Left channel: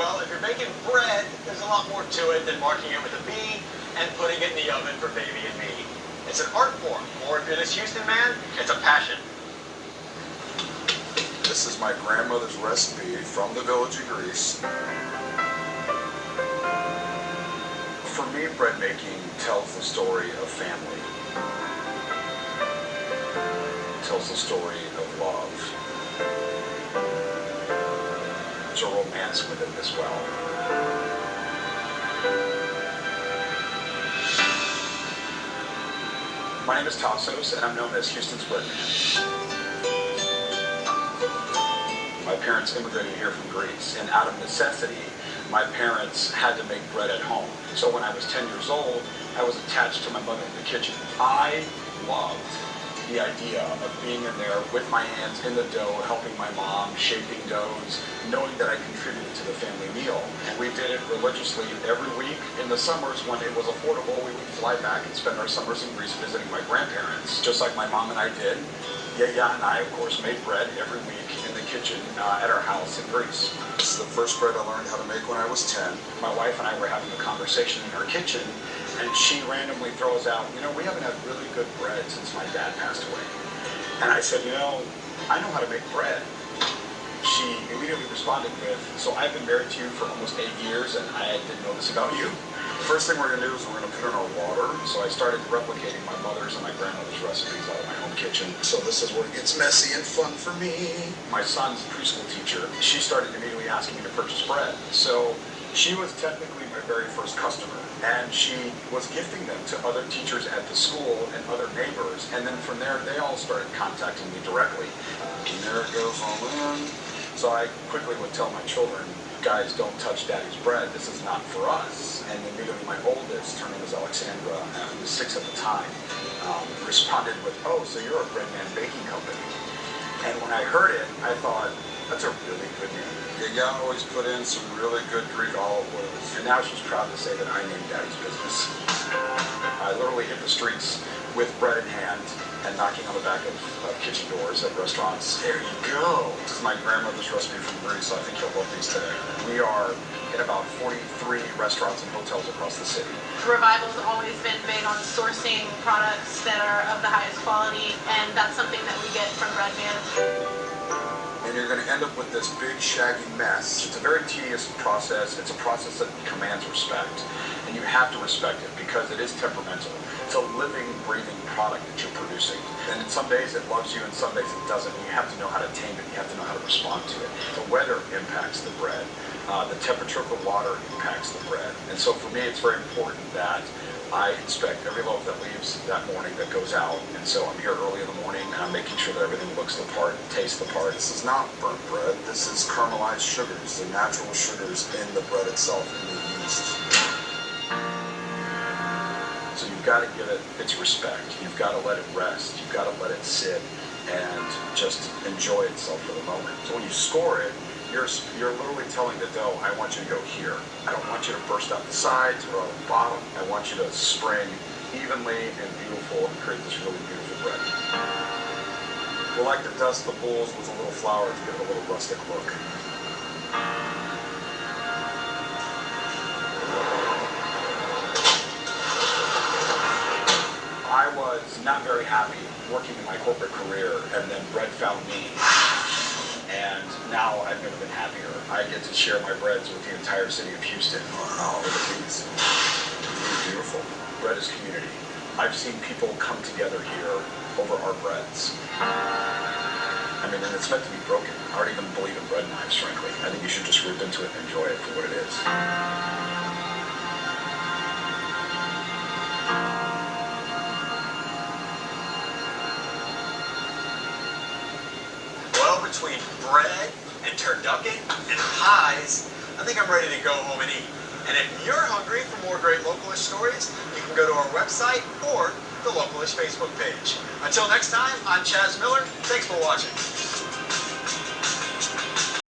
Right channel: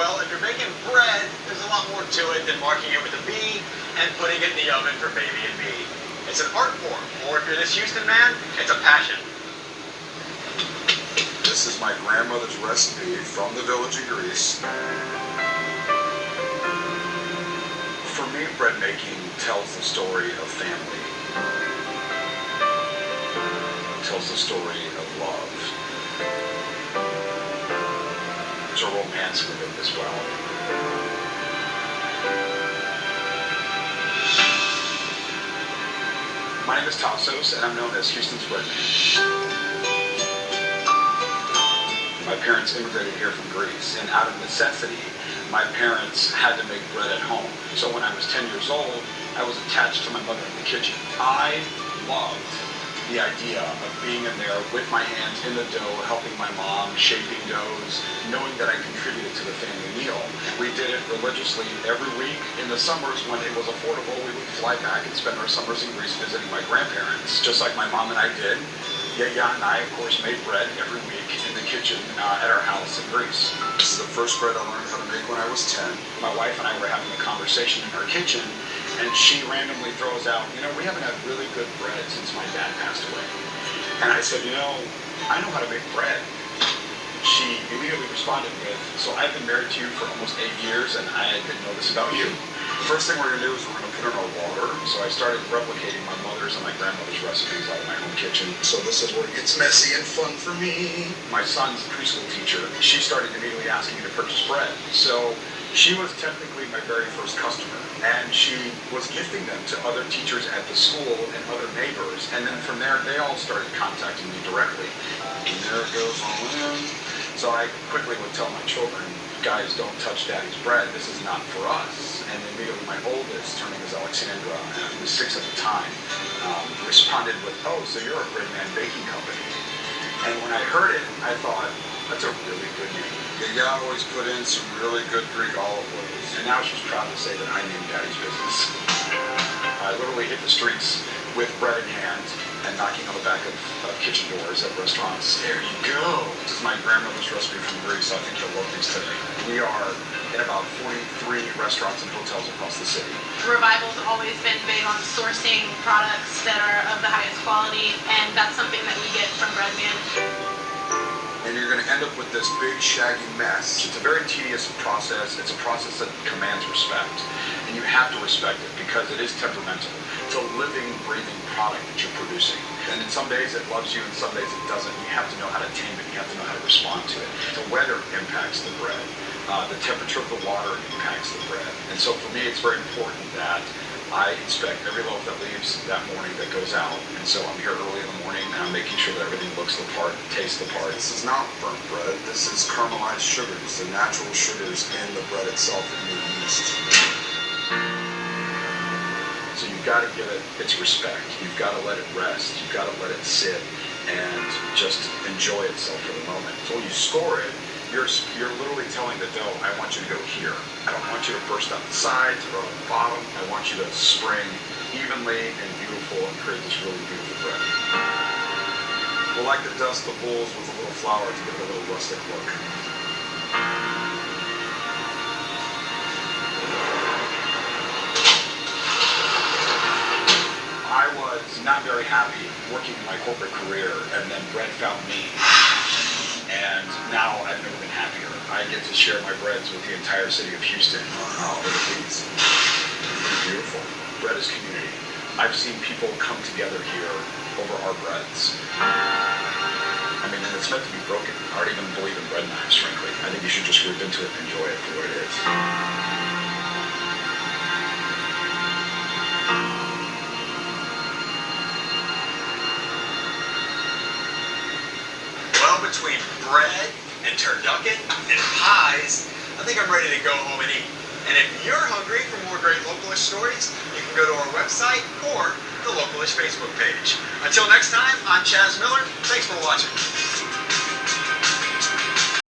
Well, if you're making bread, there's a lot more to it than marking it with a B and putting it in the oven for baby and me. It's an art form, or if you're this Houston man, it's a passion. This is my grandmother's recipe from the village of Greece. For me, bread making tells the story of family. It tells the story of love. There's a romance with it as well. My name is Tassos, and I'm known as Houston's Breadman. My parents immigrated here from Greece, and out of necessity, my parents had to make bread at home. So when I was 10 years old, I was attached to my mother in the kitchen. I loved the idea of being in there with my hands in the dough, helping my mom, shaping doughs, knowing that I contributed to the family meal. We did it religiously every week. In the summers, when it was affordable, we would fly back and spend our summers in Greece visiting my grandparents, just like my mom and I did. Yaya and I, of course, made bread every week in the kitchen at our house in Greece. This is the first bread I learned how to make when I was 10. My wife and I were having a conversation in our kitchen, and she randomly throws out, we haven't had really good bread since my dad passed away. And I said, I know how to make bread. She immediately responded with, so I've been married to you for almost 8 years, and I didn't know this about you. The first thing we're going to do is we're going to put in our water. So I started replicating my mother's and my grandmother's recipes out of my home kitchen. So this is where it gets messy and fun for me. My son's preschool teacher, she started immediately asking me to purchase bread. So she was technically my very first customer. And she was gifting them to other teachers at the school and other neighbors. And then from there, they all started contacting me directly. And there it goes all in. So I quickly would tell my children, guys, don't touch Daddy's bread. This is not for us. And immediately my oldest, her name is Alexandra, who was 6 at the time, responded with, oh, so you're a Breadman Baking Company. And when I heard it, I thought, that's a really good name. Yaya always put in some really good Greek olive oils. And now she's proud to say that I named Daddy's business. I literally hit the streets with bread in hand and knocking on the back of kitchen doors at restaurants. There you go. This is my grandmother's recipe from Greece. I think you'll love these today. We are in about 43 restaurants and hotels across the city. Revival's always been big on sourcing products that are of the highest quality, and that's something that we get from Breadman. And you're going to end up with this big, shaggy mess. It's a very tedious process. It's a process that commands respect. And you have to respect it because it is temperamental. It's a living, breathing product that you're producing. And some days it loves you and some days it doesn't. You have to know how to tame it. You have to know how to respond to it. The weather impacts the bread. The temperature of the water impacts the bread. And so for me, it's very important that I inspect every loaf that leaves that morning that goes out. And so I'm here early in the morning and I'm making sure that everything looks the part, tastes the part. This is not burnt bread. This is caramelized sugars, the natural sugars in the bread itself in the yeast. So you've got to give it its respect. You've got to let it rest. You've got to let it sit and just enjoy itself for the moment. So when you score it, you're literally telling the dough, I want you to go here. I don't want you to burst out the sides or on the bottom. I want you to spring evenly and beautiful and create this really beautiful bread. We'll like to dust the bowls with a little flour to give it a little rustic look. I was not very happy working in my corporate career, and then bread found me. And now I've never been happier. I get to share my breads with the entire city of Houston. Oh, look at these. They're beautiful. Bread is community. I've seen people come together here over our breads. I mean, and it's meant to be broken. I don't even believe in bread knives, frankly. I think you should just rip into it and enjoy it for what it is. Between bread and turducken and pies, I think I'm ready to go home and eat. And if you're hungry for more great Localish stories, you can go to our website or the Localish Facebook page. Until next time, I'm Chaz Miller. Thanks for watching.